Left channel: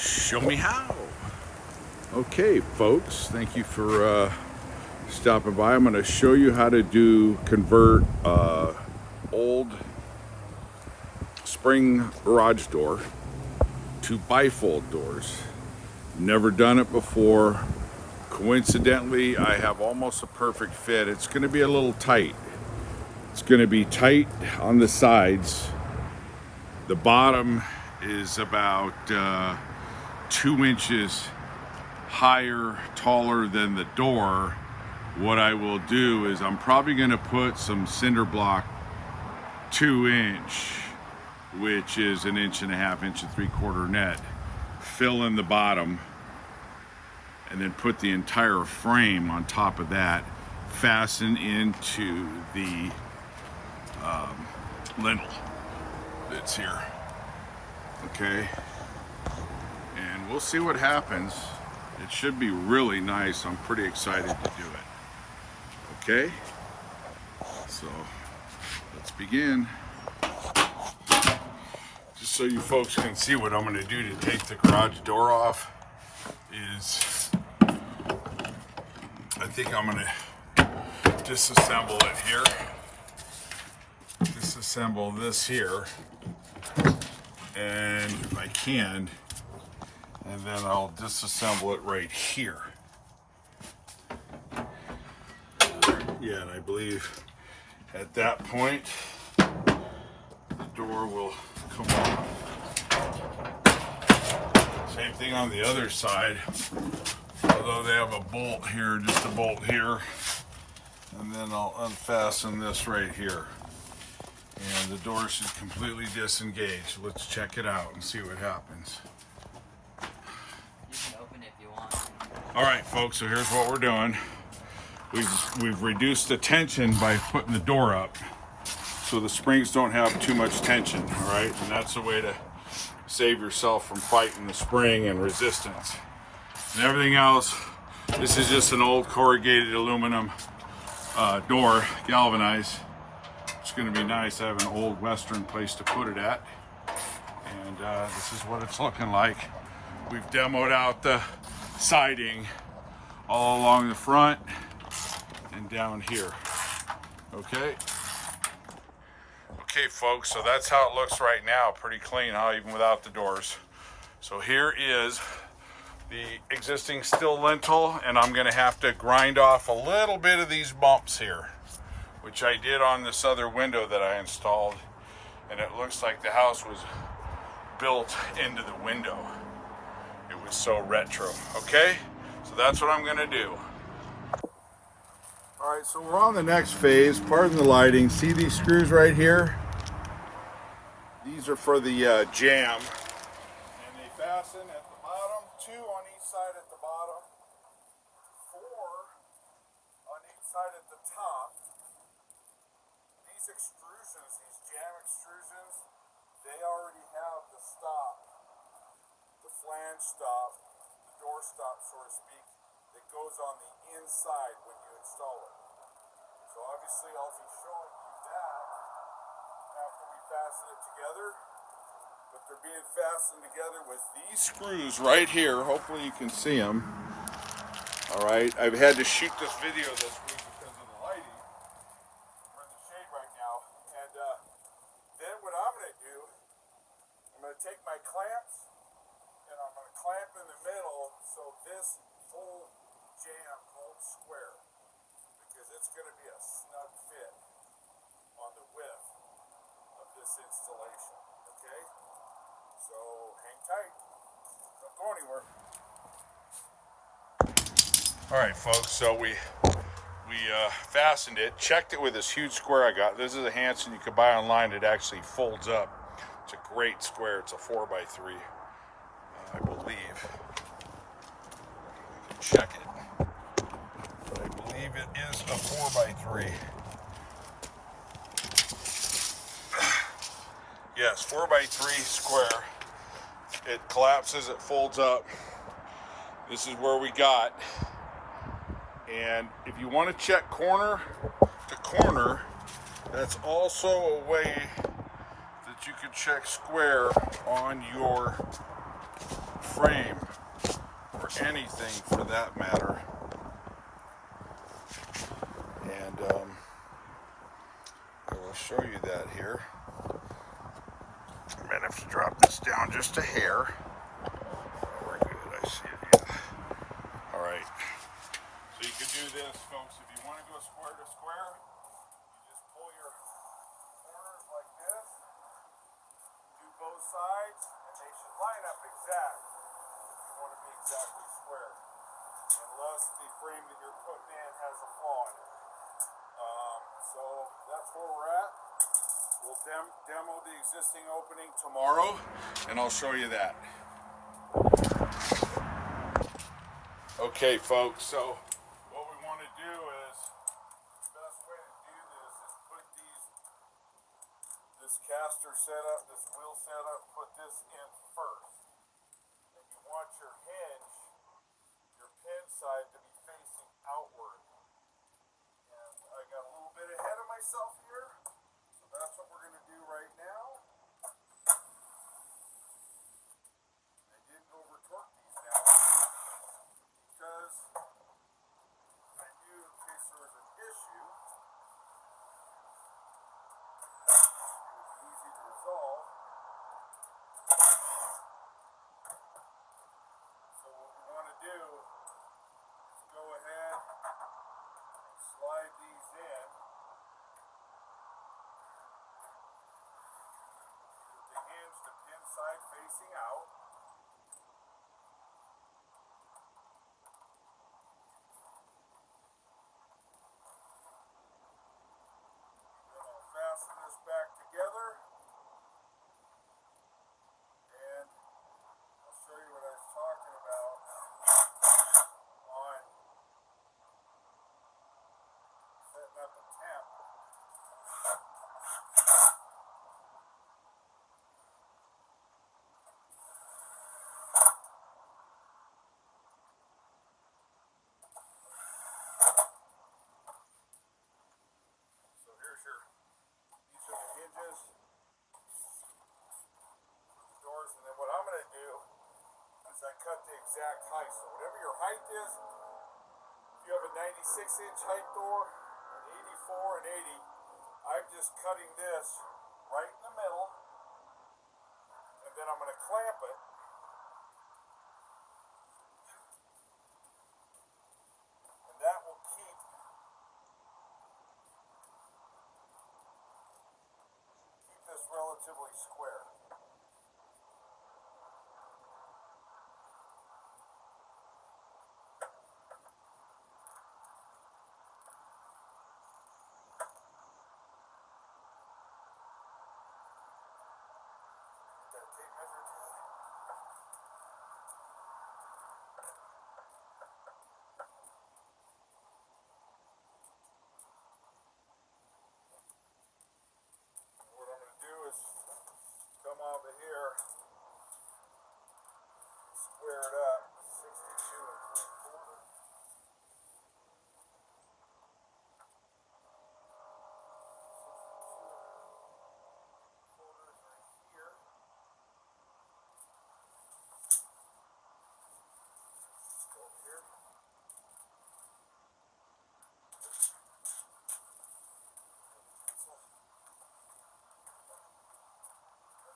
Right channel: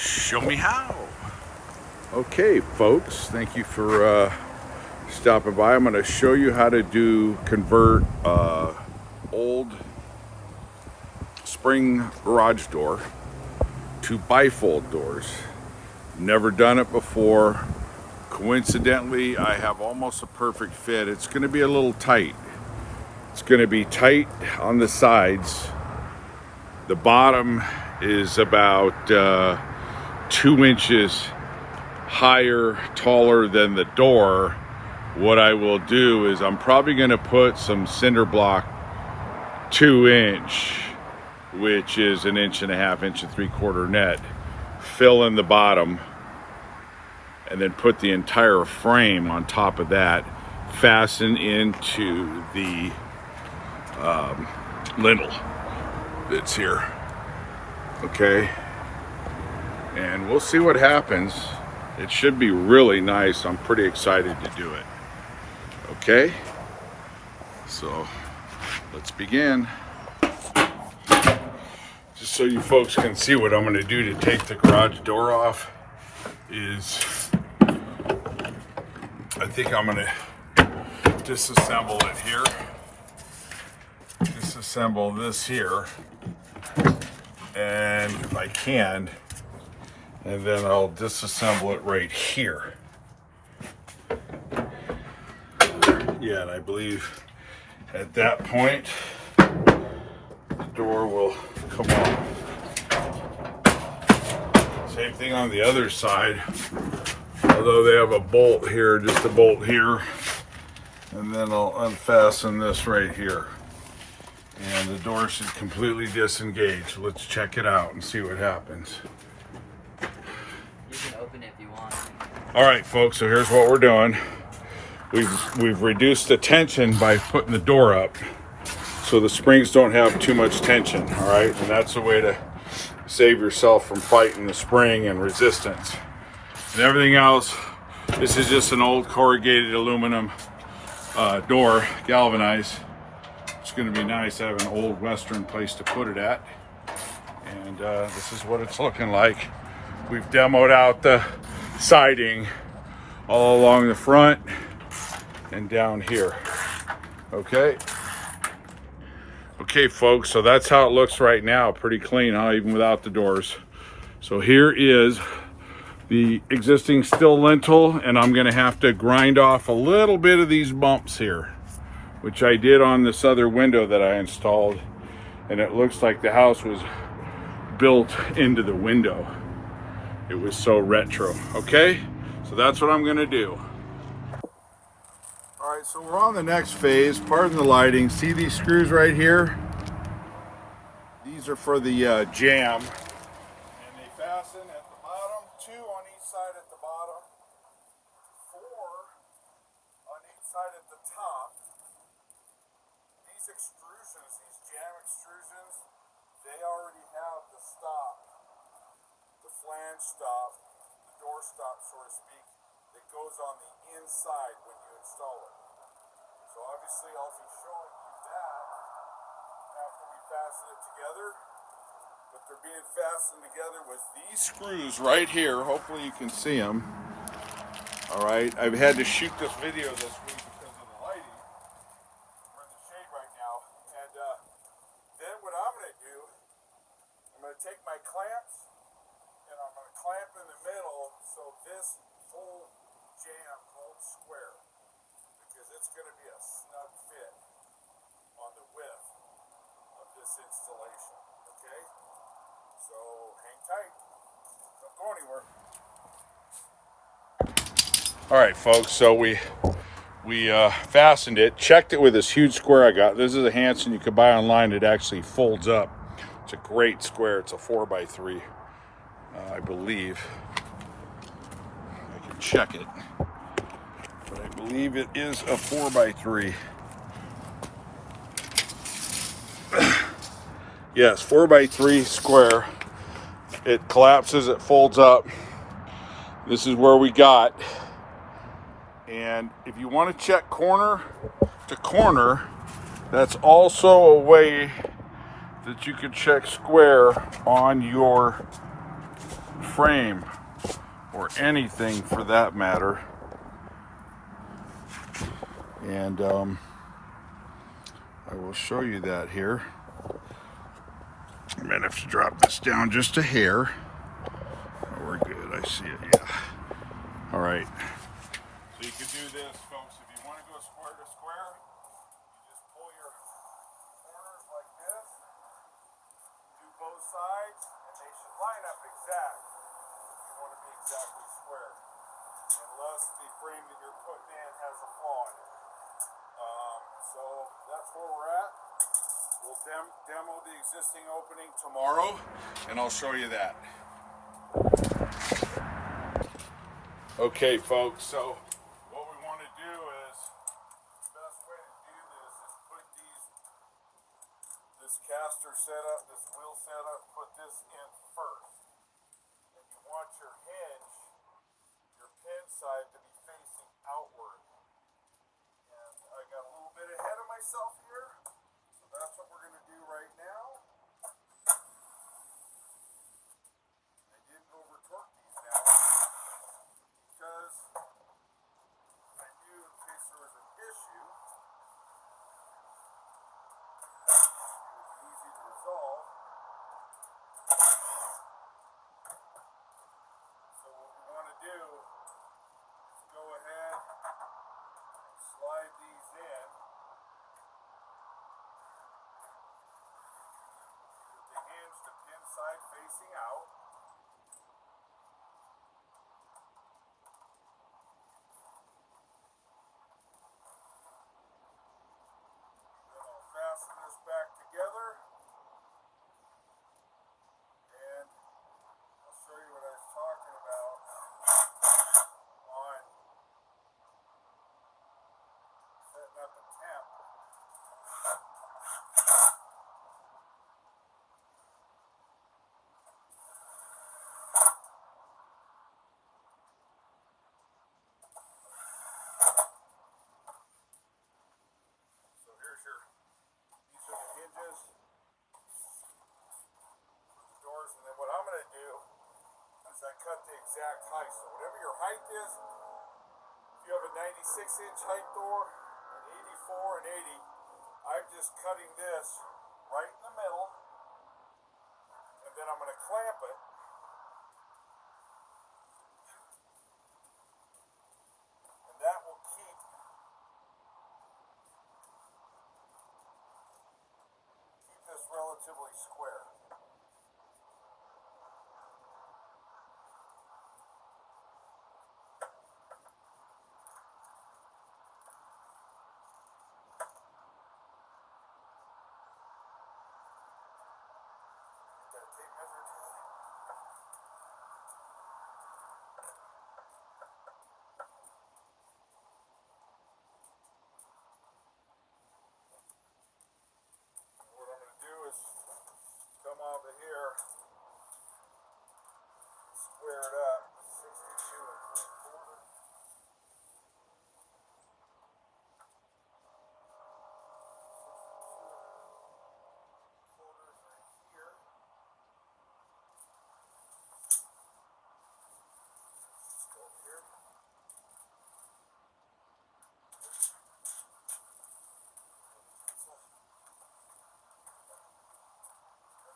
Show me how. Okay, folks, thank you for stopping by. I'm going to show you how to convert old spring garage door to bifold doors. Never done it before. Coincidentally, I have almost a perfect fit. It's going to be a little tight. It's going to be tight on the sides. The bottom is about 2 inches higher, taller than the door. What I will do is I'm probably going to put some cinder block 2-inch, which is 1.5 inch, 1.75 inch net, fill in the bottom, and then put the entire frame on top of that, fasten into the lintel that's here. Okay, and we'll see what happens. It should be really nice. I'm pretty excited to do it. Okay, so let's begin. Just so you folks can see what I'm going to do to take the garage door off is I think I'm going to disassemble it here. Disassemble this here, and if I can, and then I'll disassemble it right here. Yeah, and I believe at that point the door will come off. Same thing on the other side, although they have a bolt here, just a bolt here, and then I'll unfasten this right here. And the door should completely disengage. Let's check it out and see what happens. You can open it if you want. All right, folks, so here's what we're doing. We've reduced the tension by putting the door up so the springs don't have too much tension, all right? And that's a way to save yourself from fighting the spring and resistance. And everything else, this is just an old corrugated aluminum door, galvanized. It's going to be nice to have an old Western place to put it at. And this is what it's looking like. We've demoed out the siding all along the front and down here. Okay. Okay, folks, so that's how it looks right now. Pretty clean, huh? Even without the doors. So here is the existing steel lintel, and I'm going to have to grind off a little bit of these bumps here, which I did on this other window that I installed, and it looks like the house was built into the window. It was so retro. Okay, so that's what I'm gonna do. All right, so we're on the next phase. Pardon the lighting. See these screws right here? These are for the jam, and they fasten at the bottom, 2 on each side at the bottom, 4 on each side at the top. These extrusions, these jam extrusions, they already have the stop, the flange stop, the door stop, so to speak, that goes on the inside when you install it. So obviously I'll be showing you that after we fasten it together, but they're being fastened together with these screws right here. Hopefully you can see them. All right, I've had to shoot this video this week because of the lighting. We're in the shade right now, and then what I'm going to do, I'm going to take my clamps and I'm going to clamp in the middle so this whole jam holds square, because it's going to be a snug fit on the width of this installation. Okay, so hang tight, don't go anywhere. All right, folks, so we fastened it, checked it with this huge square I got. This is a Hanson you could buy online. It actually folds up. It's a great square. It's a 4x3, I believe. I can check it, but I believe it is a 4x3. Yes, 4x3 square. It collapses, it folds up. This is where we got. And if you want to check corner to corner, that's also a way that you could check square on your frame or anything for that matter. And I will show you that here. I'm gonna have to drop this down just a hair. Oh, we're good, I see it, yeah. All right. So you can do this, folks, if you want to go square to square, you just pull your corners like this, do both sides, and they should line up exact. You want to be exactly square, unless the frame that you're putting in has a flaw in it. So that's where we're at. We'll demo the existing opening tomorrow, and I'll show you that. Okay, folks, so what we want to do is, the best way to do this is put this caster setup, this wheel setup, put this in first. And you want your hinge, your pin side to be facing outward. And I got a little bit ahead of myself here, so that's what we're going to do right now. I did over torque these now, because I knew in case there was an issue, easy to resolve. So what we want to do is go ahead and slide these in with the hinge, the pin side facing out. Then I'll fasten this back together, and I'll show you what I was talking about on setting up a temp. So here's these are the hinges for the doors, and then what I'm going to do is I cut the exact height. So whatever your height is, if you have a 96-inch height door, an 84, an 80, I'm just cutting this right in the middle, and then I'm going to clamp it. And that will keep this relatively square. Got a tape measure tool. What I'm going to do is come over here, square it up, 62 and 3/4.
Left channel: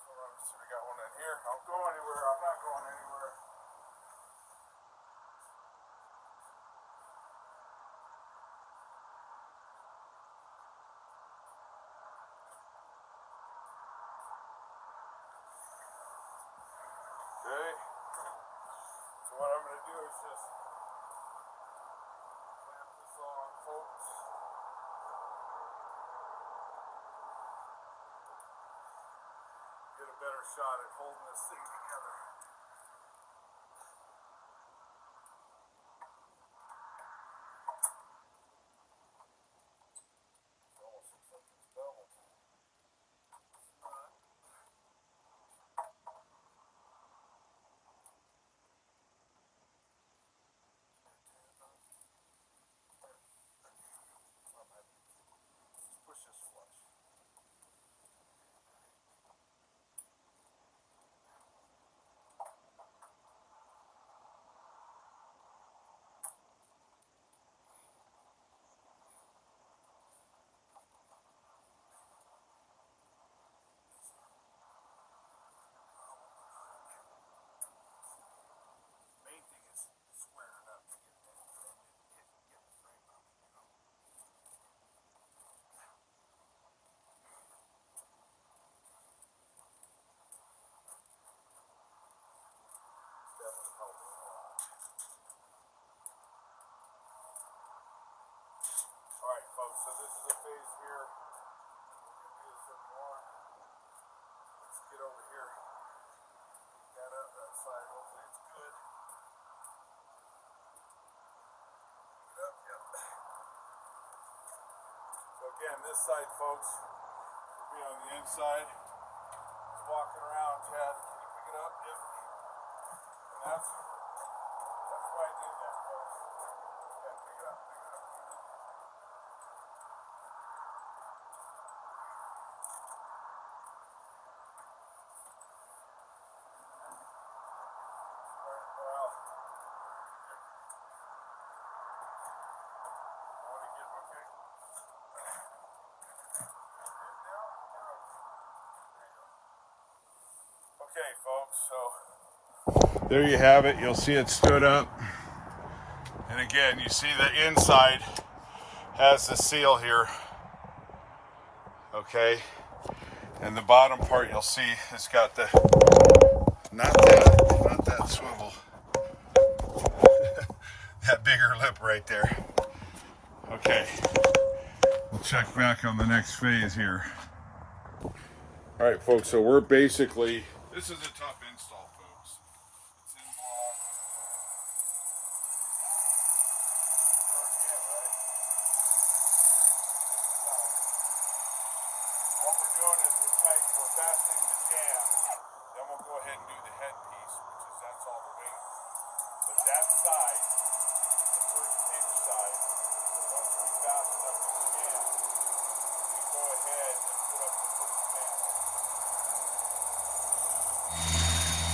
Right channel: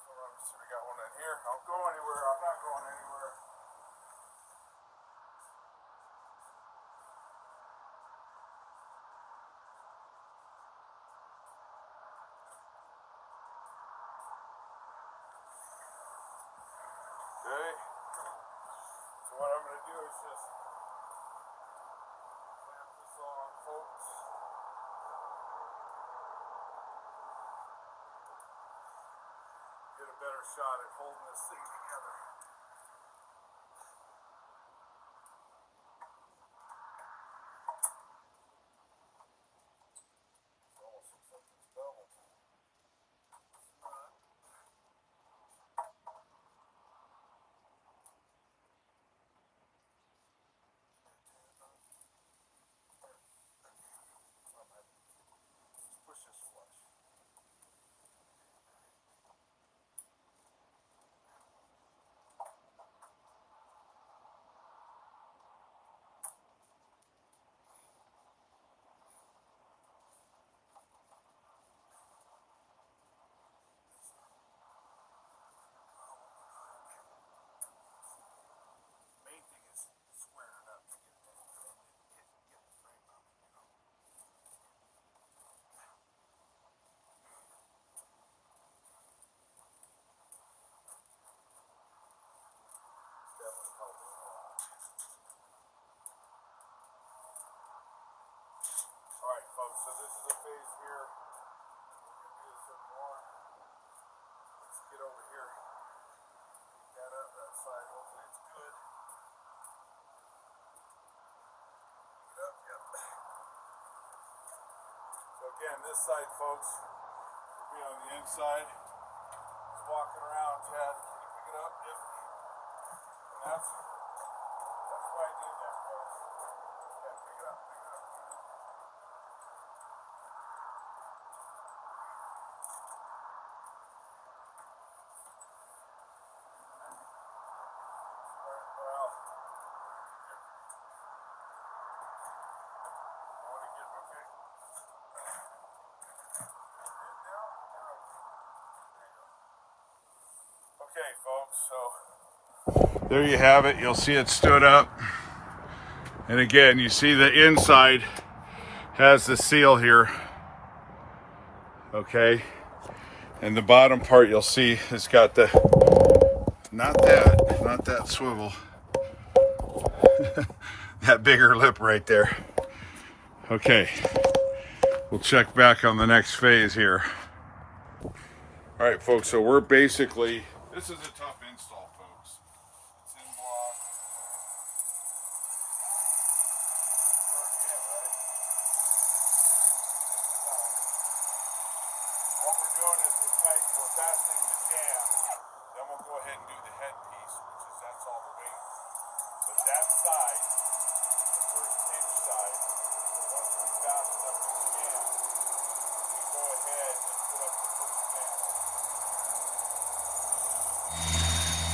So we got one in here. Don't go anywhere. I'm not going anywhere. Okay. So what I'm going to do is just clamp this on, folks. Get a better shot at holding this thing together. It almost looks like it's beveled. It's not. Push this flush. this side, folks. We'll be on the inside. Just walking around, Chad. Can you pick it up? Yep. And that's why I did that, folks. Yeah, pick it up, pick it up. Well, okay, folks, so there you have it. You'll see it stood up. And again, you see the inside has the seal here. Okay. And the bottom part you'll see it's got the, not that swivel. That bigger lip right there. Okay. We'll check back on the next phase here. All right, folks, so we're basically, this is a tough install, folks. It's in block. What we're doing is we're fastening the jam, then we'll go ahead and do the headpiece, which is that's all the weight. But that side, the first hinge side, once we fasten up the jam, we go ahead and put up the first panel.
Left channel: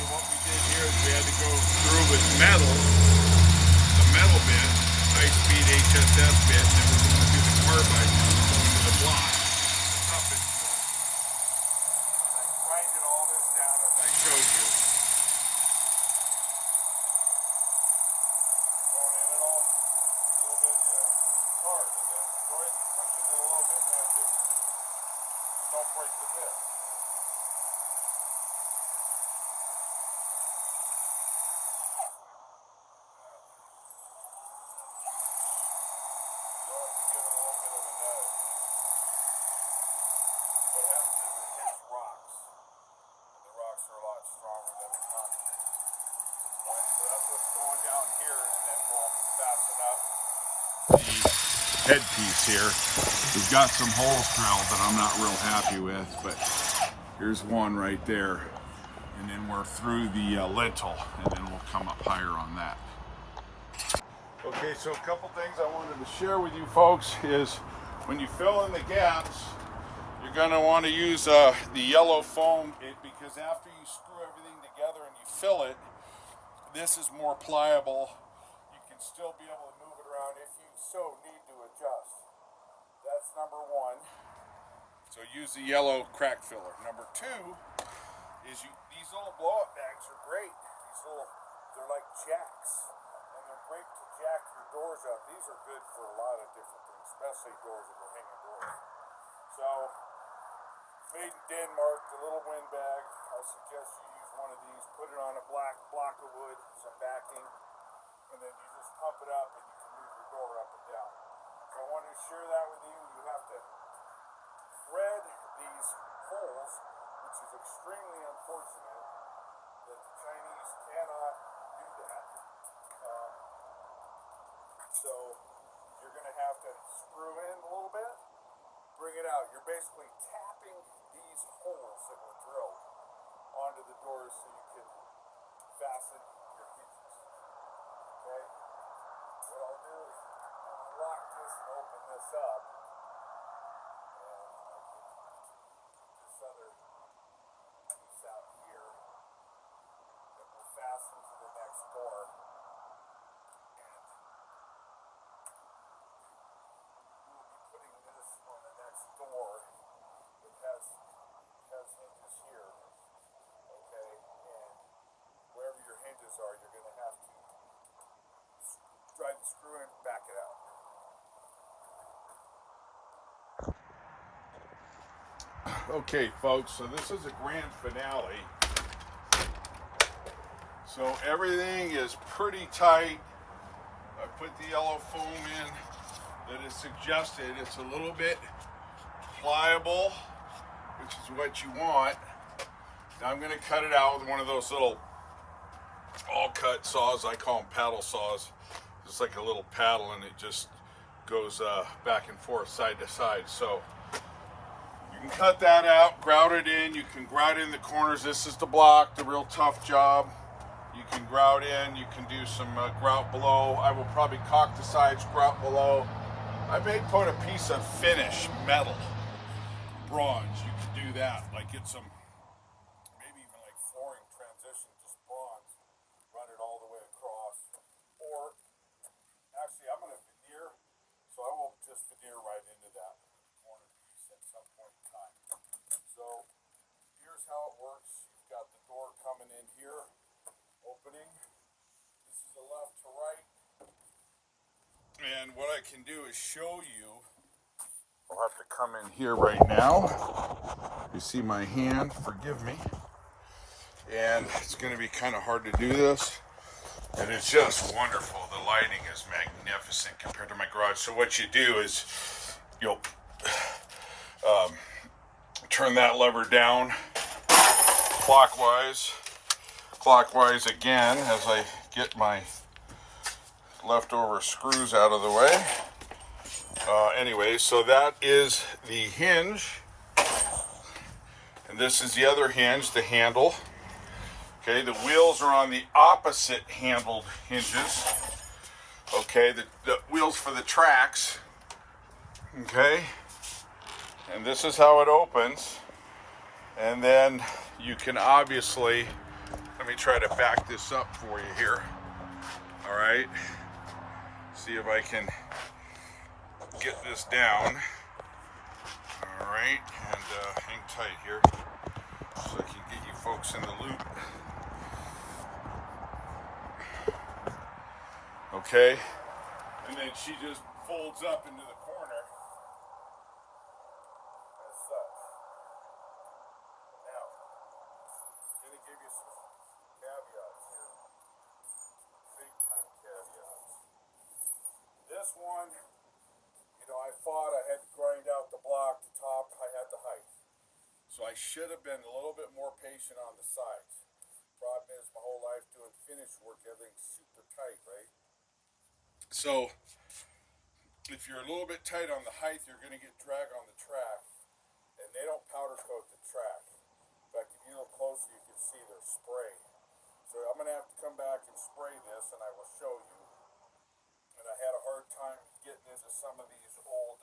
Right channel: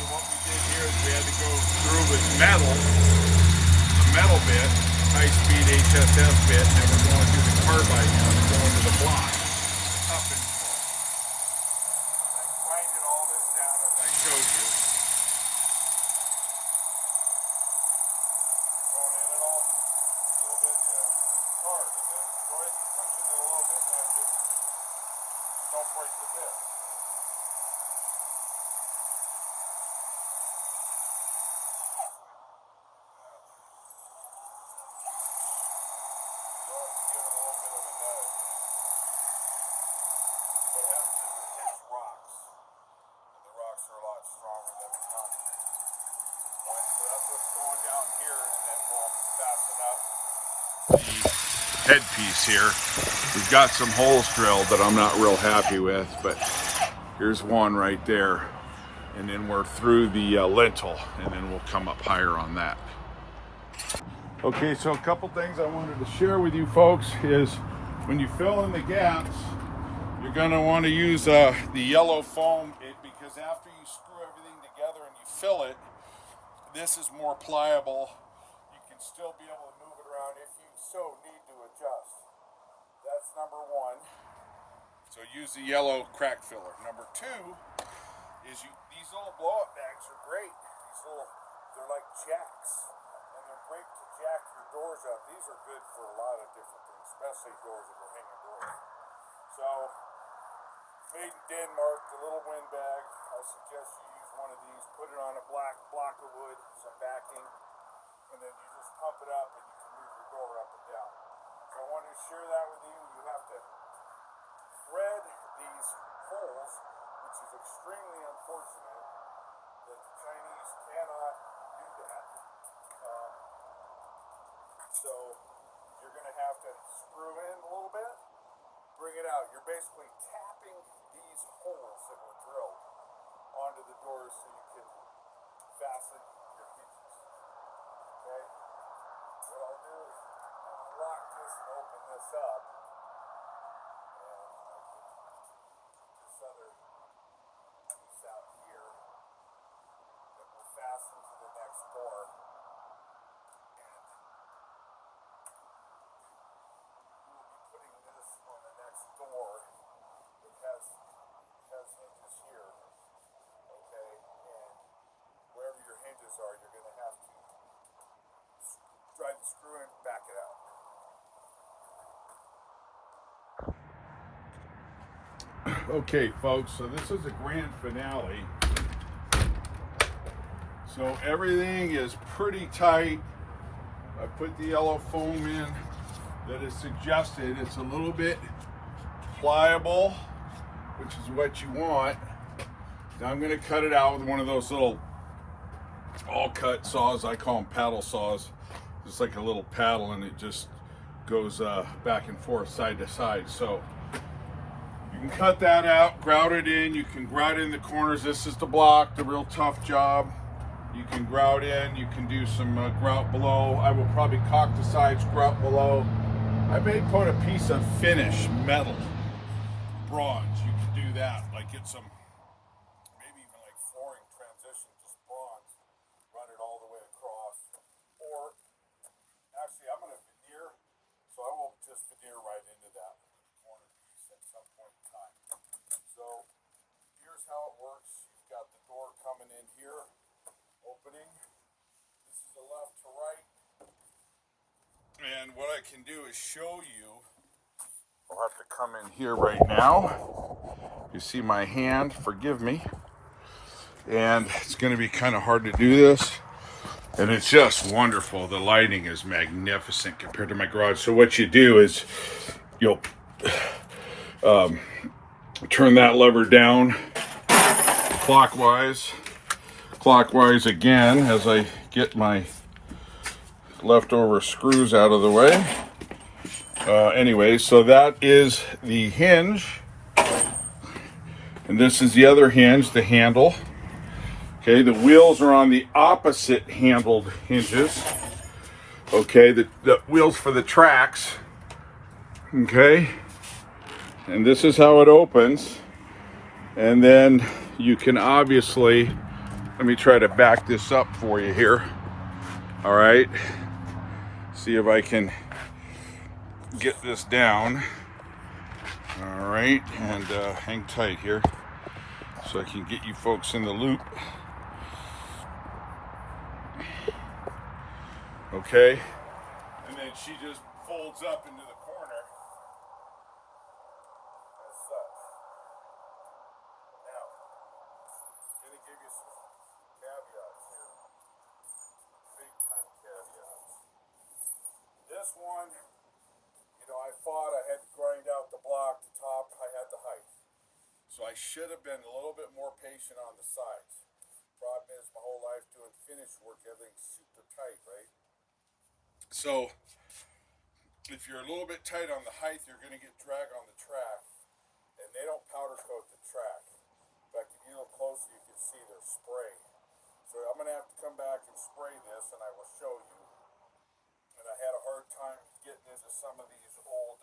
So what we did here is we had to go through with metal, a metal bit, a high-speed HSS bit, and then we're going to do the carbide now to go into the block. Up and forth. I grinded all this down as I showed you. Going in it all a little bit, yeah. Hard, and then go ahead and push it in a little bit, and just don't break the bit. What happens is it hits rocks, and the rocks are a lot stronger than the concrete. Right, so that's what's going down here, and then we'll fasten up the headpiece here. We've got some holes drilled that I'm not real happy with, but here's one right there, and then we're through the lintel, and then we'll come up higher on that. Okay, so a couple things I wanted to share with you folks is when you fill in the gaps, you're going to want to use the yellow foam because after you screw everything together and you fill it, this is more pliable. You can still be able to move it around if you so need to adjust. That's number one. So use the yellow crack filler. Number two is these little blow-up bags are great. They're like jacks, and they're great to jack your doors up. These are good for a lot of different things, especially doors that are hanging doors. So, made in Denmark, the little wind bag. I suggest you use one of these. Put it on a black block of wood, some backing, and then you just pump it up, and you can move your door up and down. So I wanted to share that with you. You have to thread these holes, which is extremely unfortunate that the Chinese cannot do that. So you're going to have to screw in a little bit, bring it out. You're basically tapping these holes that were drilled onto the doors so you can fasten your hinges. Okay? What I'll do is lock this and open this up. And I can get this other piece out here that will fasten to the next door. Door that has hinges here, okay, and wherever your hinges are, you're going to have to drive the screw in, back it out. Okay, folks, so this is a grand finale. So everything is pretty tight. I put the yellow foam in that is suggested. It's a little bit pliable, which is what you want. Now I'm going to cut it out with one of those little all-cut saws. I call them paddle saws. It's like a little paddle, and it just goes back and forth, side to side. So You can cut that out, grout it in. You can grout in the corners. This is the block, the real tough job. You can grout in. You can do some grout below. I will probably caulk the sides, grout below. I may put a piece of finish metal, bronze. You can do that. Like get some, maybe even like flooring transition, just bronze. Run it all the way across. Or actually, I'm going to veneer, so I will just veneer right into that corner piece at some point in time. So here's how it works. You've got the door coming in here, opening. This is the left to right. And what I can do is show you. I'll have to come in here right now. You see my hand, forgive me. And it's going to be kind of hard to do this. And it's just wonderful. The lighting is magnificent compared to my garage. So what you do is you'll turn that lever down clockwise again as I get my leftover screws out of the way. Anyway, so that is the hinge. And this is the other hinge, the handle. Okay, the wheels are on the opposite handled hinges. Okay, the wheels for the tracks. Okay, and this is how it opens. And then you can obviously, let me try to back this up for you here. All right, see if I can get this down. All right, and hang tight here so I can get you folks in the loop. Okay, and then she just folds up into the corner as such. Now, I'm going to give you some caveats here, big time caveats. This one, you know, I had to grind out the block, the top, I had the height. So I should have been a little bit more patient on the sides. Problem is, my whole life doing finish work, everything's super tight, right? So, if you're a little bit tight on the height, you're going to get drag on the track, and they don't powder coat the track. In fact, if you look closer, you can see there's spray. So I'm going to have to come back and spray this, and I will show you. And I had a hard time getting into some of these old,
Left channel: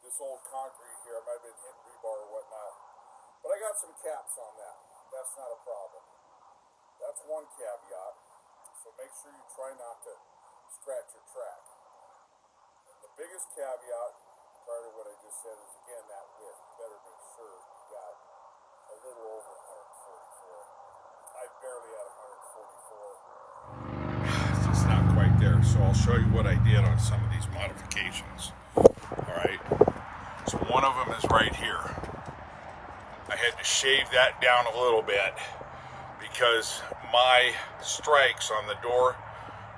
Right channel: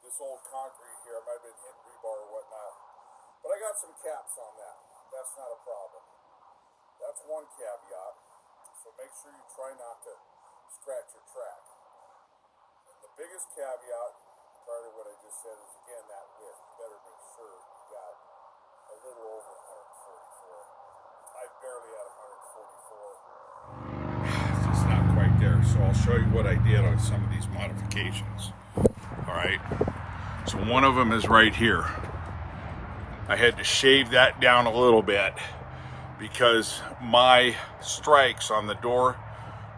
this old concrete here. I might have been hitting rebar or whatnot. But I got some caps on that. That's not a problem. That's one caveat. So make sure you try not to scratch your track. And the biggest caveat, part of what I just said, is again that width. You better make sure you got a little over 144. I barely had 144. It's not quite there. So I'll show you what I did on some of these modifications. All right. So one of them is right here. I had to shave that down a little bit because my strikes on the door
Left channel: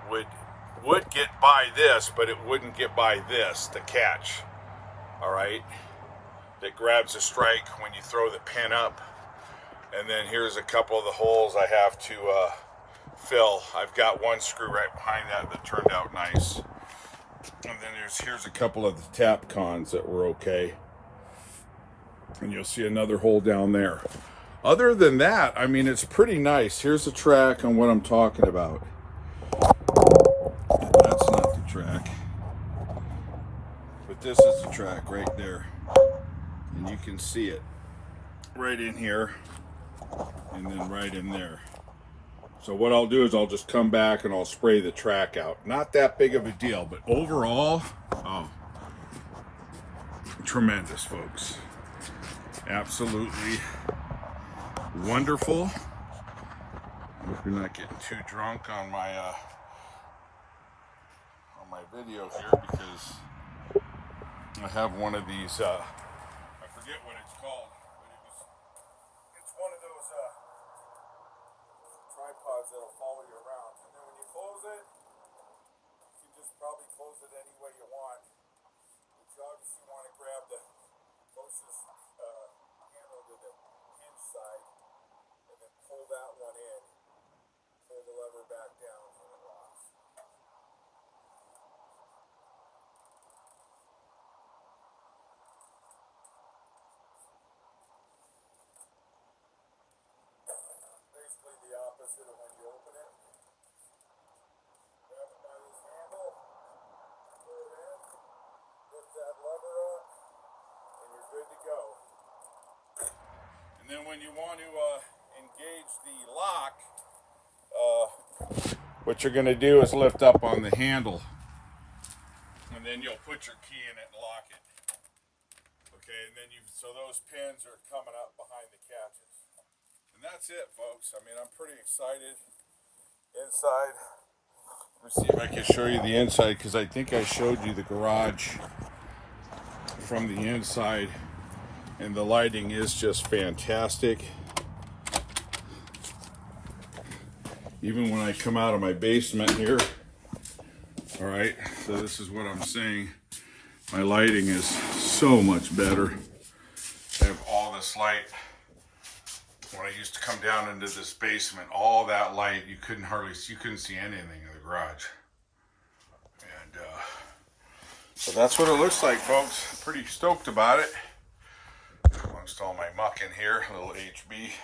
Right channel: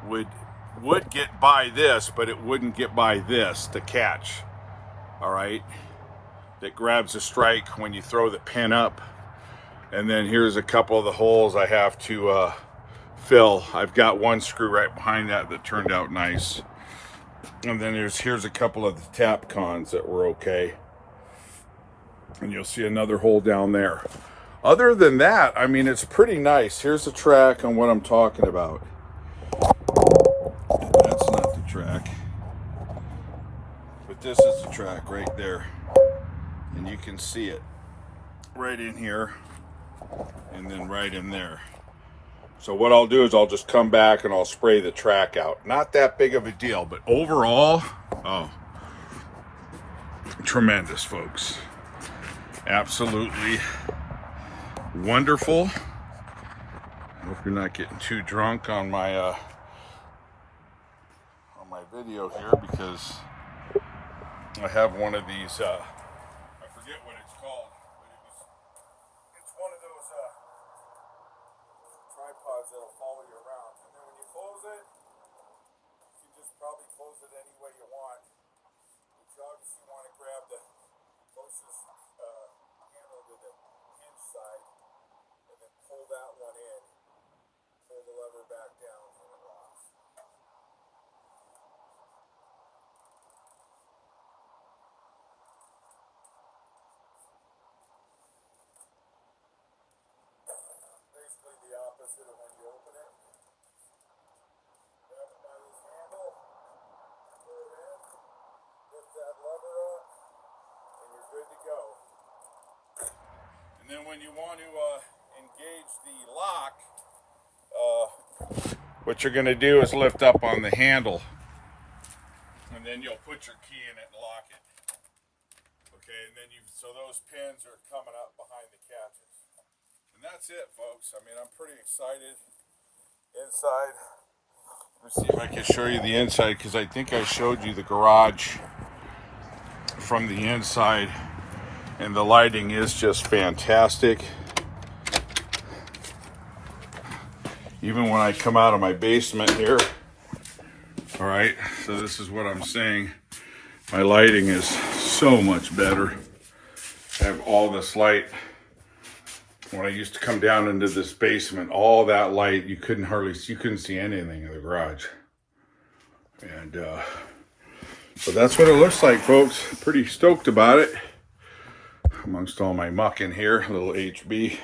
would get by this, but it wouldn't get by this, the catch. All right, that grabs the strike when you throw the pin up. And then here's a couple of the holes I have to fill. I've got one screw right behind that turned out nice. And then here's a couple of the tap cons that were okay. And you'll see another hole down there. Other than that, I mean, it's pretty nice. Here's the track on what I'm talking about. That's not the track. But this is the track right there. And you can see it right in here and then right in there. So what I'll do is I'll just come back and I'll spray the track out. Not that big of a deal, but overall, oh, tremendous, folks. Absolutely wonderful. Hope you're not getting too drunk on my video here, because I have one of these I forget what it's called, but it's one of those tripods that'll follow you around, and then when you close it, you can just probably close it any way you want, but you obviously want to grab the closest handle to the hinge side and then pull that one in, pull the lever back down, and it locks. when you want to engage the lock, what you're going to do is lift up on the handle, and then you'll put your key in it and lock it. Okay, and then so those pins are coming up behind the catches. And that's it, folks. I mean, I'm pretty excited. Inside, let's see if I can show you the inside, because I think I showed you the garage from the inside, and the lighting is just fantastic. Even when I come out of my basement here, all right, so this is what I'm saying. My lighting is so much better. I have all this light. When I used to come down into this basement, all that light, you couldn't see anything in the garage. And so that's what it looks like, folks. Pretty stoked about it. Amongst all my muck in here, a little HB.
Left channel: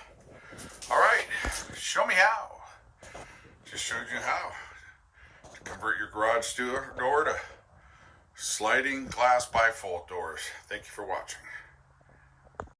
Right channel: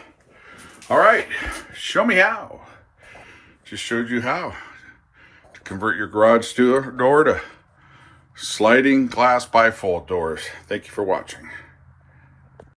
All right, show me how. Just showed you how to convert your garage door to sliding glass bifold doors. Thank you for watching.